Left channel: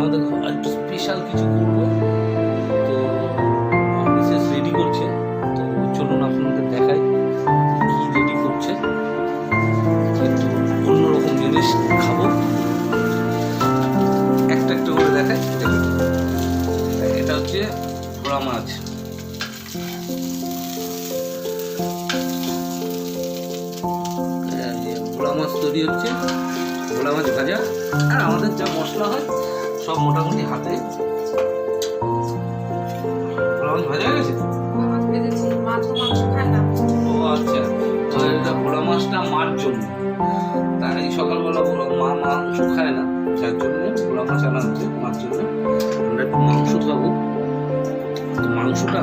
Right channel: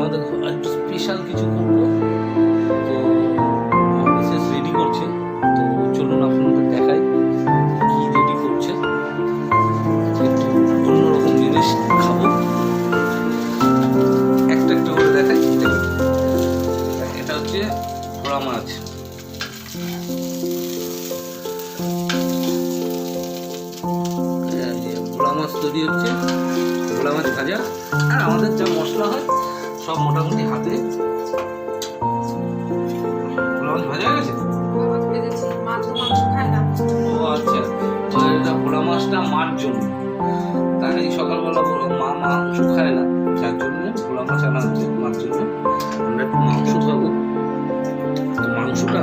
আমাদের একটু স্পেশাল কিছু করবো, তো আমার মিসেস রেডি করছে। তো চলুন আপনাদের দেখাই কি রেডি করছে। একটু অন্যরকম জিনিস খাবো, একটা একটা করে দেখাই। দেখুন, এটা হচ্ছে ভোলা মাছ, ভোলা মাছ তৈরি হচ্ছে, ভোলা মাছ ভাজা। আর আমাদের যা মশলা হয় সব মোটামুটি হাতে। ভোলা মাছ ভাজা হয়ে গেছে। ও আচ্ছা, এটা ভোলা মাছটা মার জন্য। তাই সকালবেলা মা মাংস খায় না, যার জন্য ভোলা মাছ আনা হচ্ছে মার জন্য। আমরা একটু মাংস খাবো। তো মাংসটা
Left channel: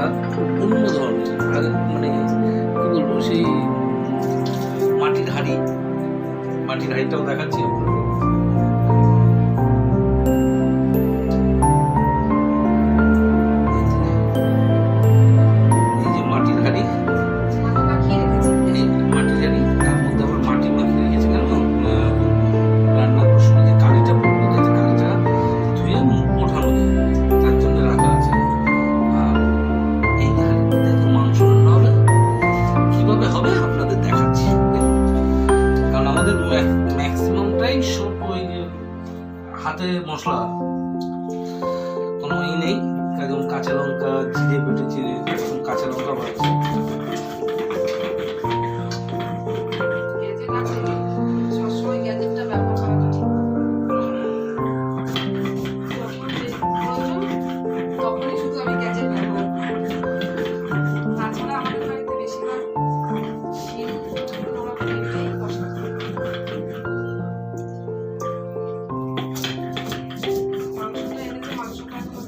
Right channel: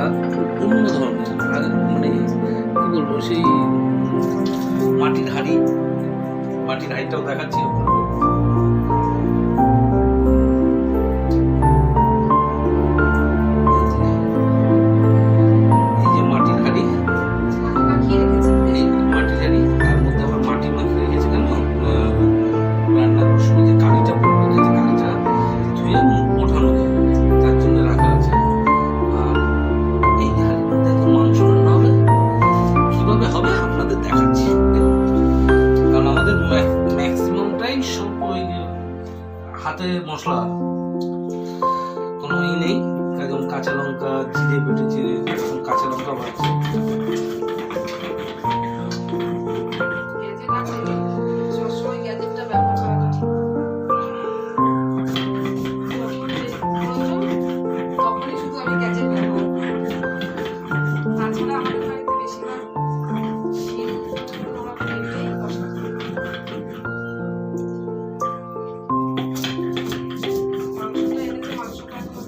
অন্য ধরনের, আর মানে কি বলবো, সেই মাটির হাঁড়িটাও দেখাচ্ছি আপনাদের। হবে আপনাদের দেখাচ্ছি, কারণ আমাদের ম্যাক্সিমামটাই সব ওই হাতে মশলা, কোনো ই নেই। একদম কাঁচা লঙ্কা জিরে বেটেছে, কাঁচা লঙ্কা বাড়ছে।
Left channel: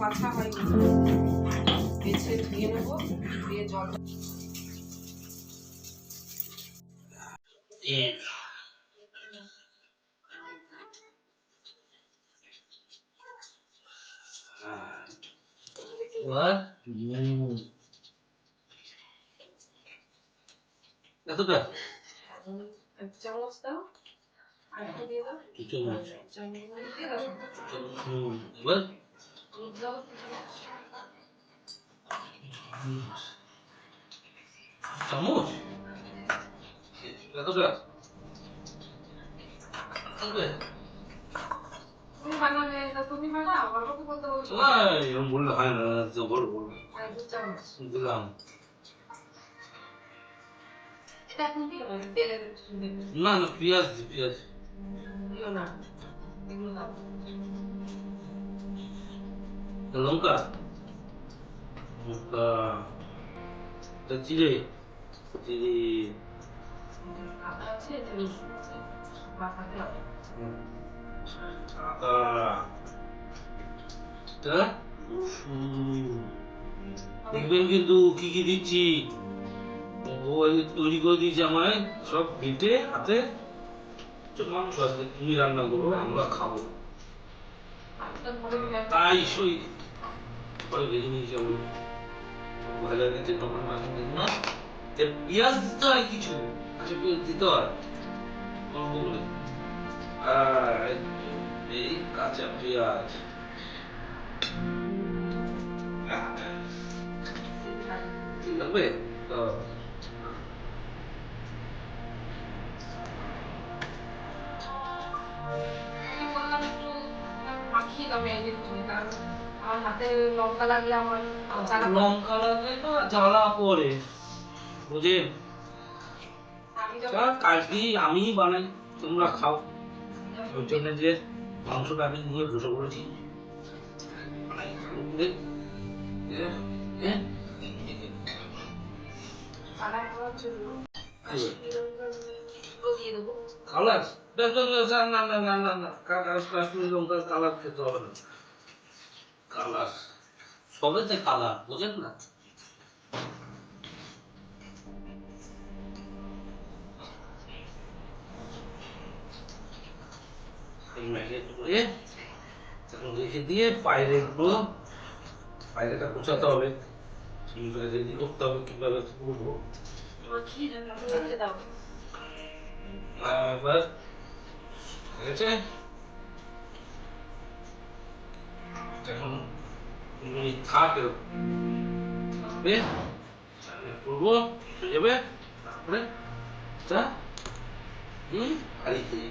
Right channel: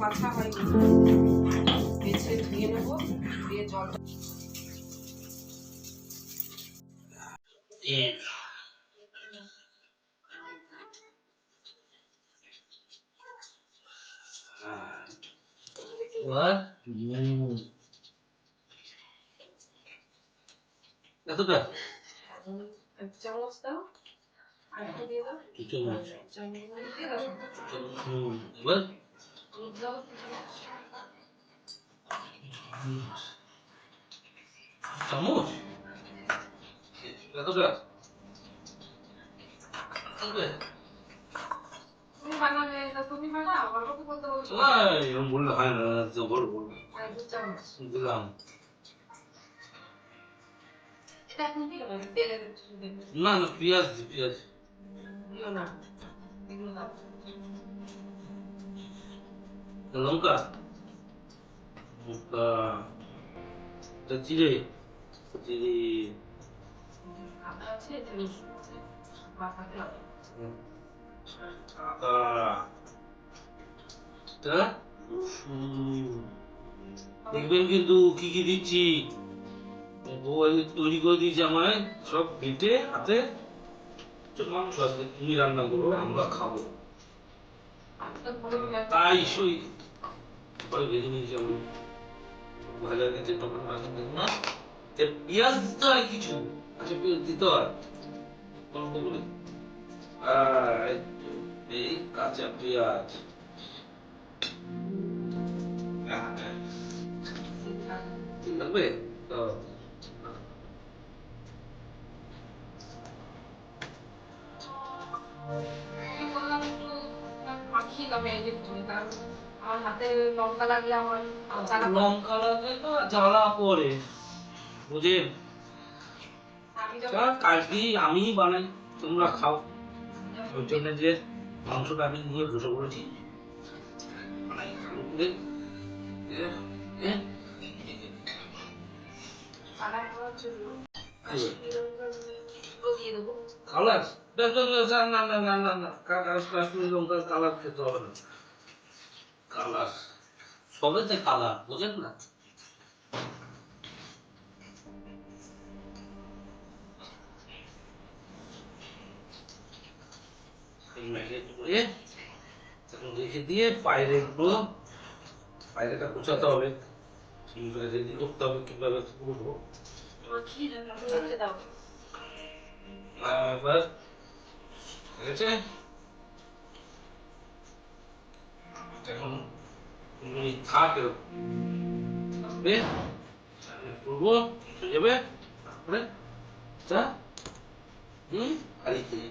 বাছা হয়নি, বেছে ধুয়ে নেবো, দিয়ে জলটা এতটা এক চামচ দাও, আর একটু দিয়ে দাও, চামচ এতটা তুমি বানাবে, তুমি বানাও, আমার কথা বলতে বলছো না, এরকম বললে হয় না, জবর বলবো। আর 2 চামচ দিলাম। এটা এখন কি হবে, তেলে দেবে না না, পেঁয়াজ দিও না, এগুলো দাও, লঙ্কা জিরে আদা আছে, রসুন আছে, বাটাতে হবে, আদা, দেখবেন কিন্তু কি কি দিচ্ছি, তৈরি করে দিয়েছি আমায় সব বেটে হাতে। মাংস আছে, তুমি রান্না করো, আমরা খাবো। তাই সই ভেজে নিয়েছি আমি, ভাজা দিতে টমেটো মাছ না, পেঁয়াজ দিতে হয় কিছু, আচ্ছা পেঁয়াজ দিতে হয় অল্প করে। এই কাঁচা পেঁয়াজ লাগবে তো। লঙ্কা লাগলে জ্বালা পরে বুঝেন, কাজটি আমি বানাই, তোমরা খাও। ওই জন্য যে মাংসটা আমি নিয়ে বসে পড়েছি কালার না না না না না কাশ্মীরি লঙ্কার কালার খেতে হবে না কালার সবেতে কালার বোঝেন না রেখে দিয়ে পায়রেটা কুচাতে হবে রেডি করতে হবে কিভাবে করবো এবার ঠিক আছে এখন থাকে করবো যাবে তারপরে হারিয়ে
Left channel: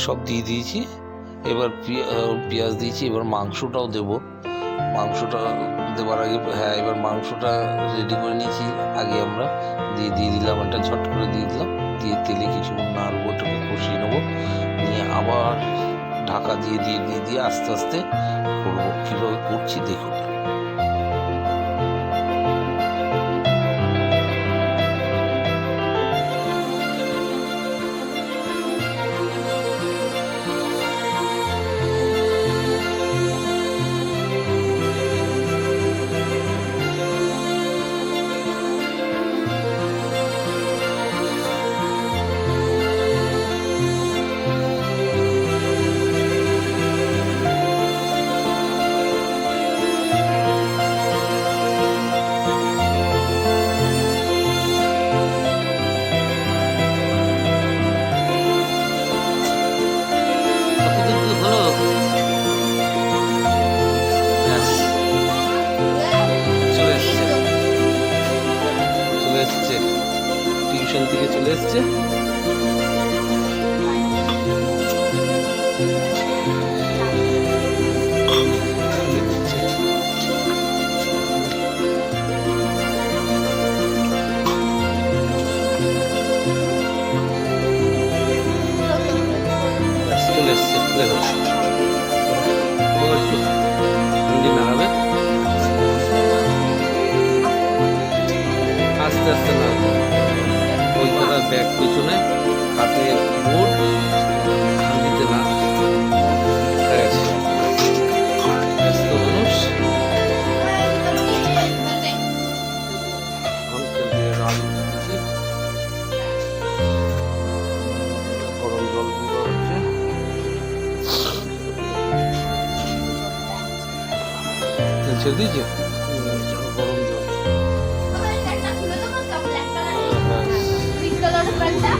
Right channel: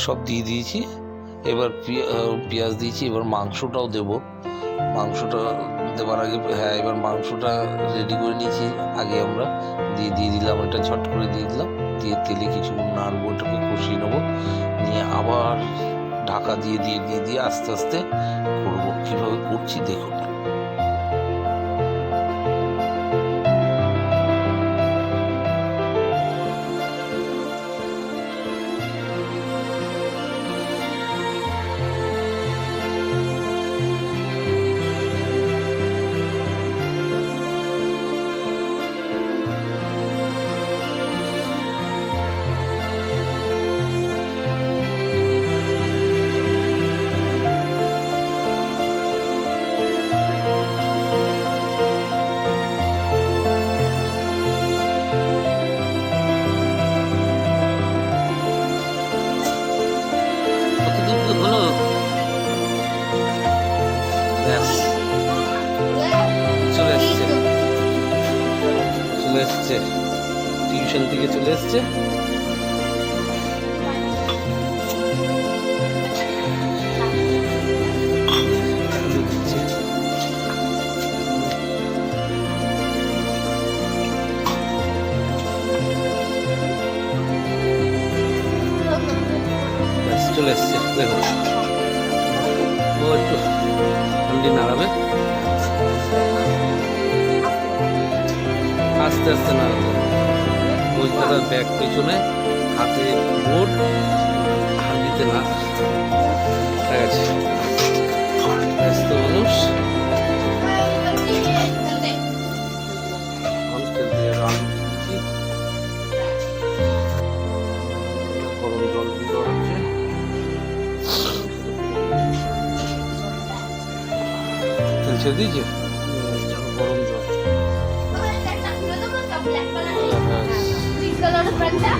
সব দিয়ে দিয়েছি এবার পেঁয়াজ দিয়েছি এবার মাংসটাও দেব মাংসটা দেওয়ার আগে হ্যাঁ এবার মাংসটা রেডি করে নিয়েছি আগে আমরা দিয়ে দিলাম এটা ঝট করে দিয়ে দিলাম দিয়ে তেলে কিছুক্ষণ নাড়বো ওটাকে কষিয়ে নেবো নিয়ে আবার ঢাকা দিয়ে আস্তে আস্তে করবো কীভাবে করছি দেখুন কতটুকু হলো চলে এসছে টিউশন থেকে চলে এসছে চলে এসছে দেখো ও একটু ঠান্ডি নাড়াবে আস্তে আস্তে নাড়াবে ওই তারা ব্যাগ পেছনে হাতে বোর্ড ঠান্ডিতে না গেছে ব্যস্ত মানুষ আম খেলতে যাবে আলু দিচ্ছি গরম জল দিয়ে দেওয়া হচ্ছে ছেড়ে দিয়েছে গরম জল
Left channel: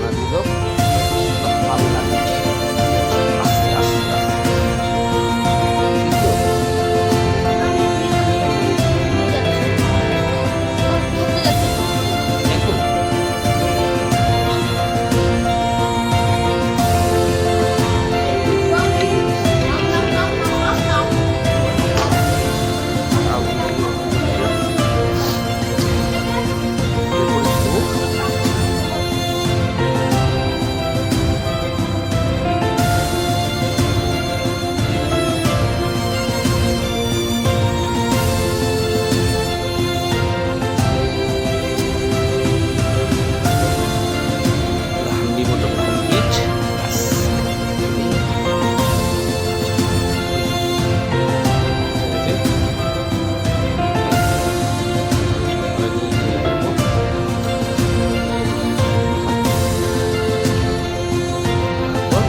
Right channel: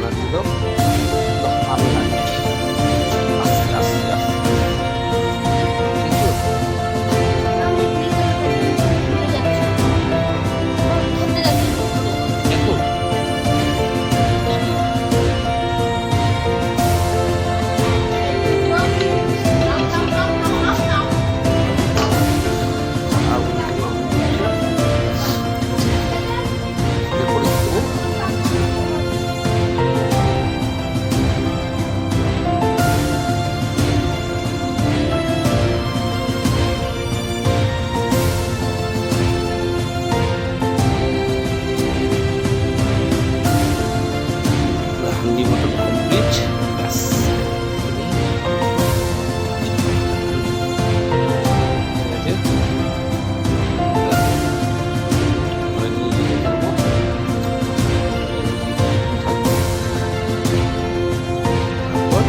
না দিয়ে দাও আমি না দিচ্ছি আস্তে আস্তে আস্তে ঠিক তো এখন করে দেবো। Handi mutton complete. ব্যাস নিয়ে গিয়ে দেবো। তারপর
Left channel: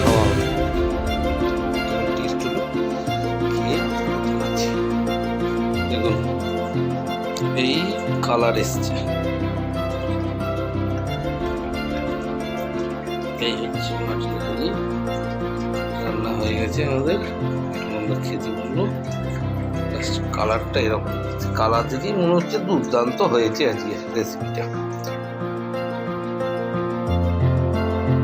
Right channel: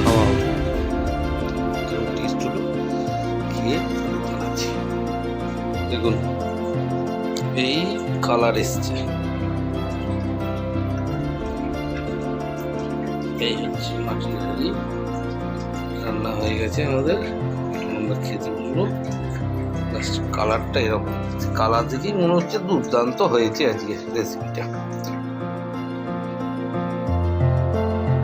খাওয়া হবে। যেমন টেস্ট হলো খেয়ে জানাচ্ছি। দেখুন এই কালার এসছে, এই হচ্ছে মাটির হাঁড়ি। রান্না হয়ে গেছে আমাদের, এখন আমরা খেতে বলবো। কালারটা এরকম, কালার দেখেই মনে হচ্ছে দুর্দান্ত হয়েছে আজকে রেসিপিটা।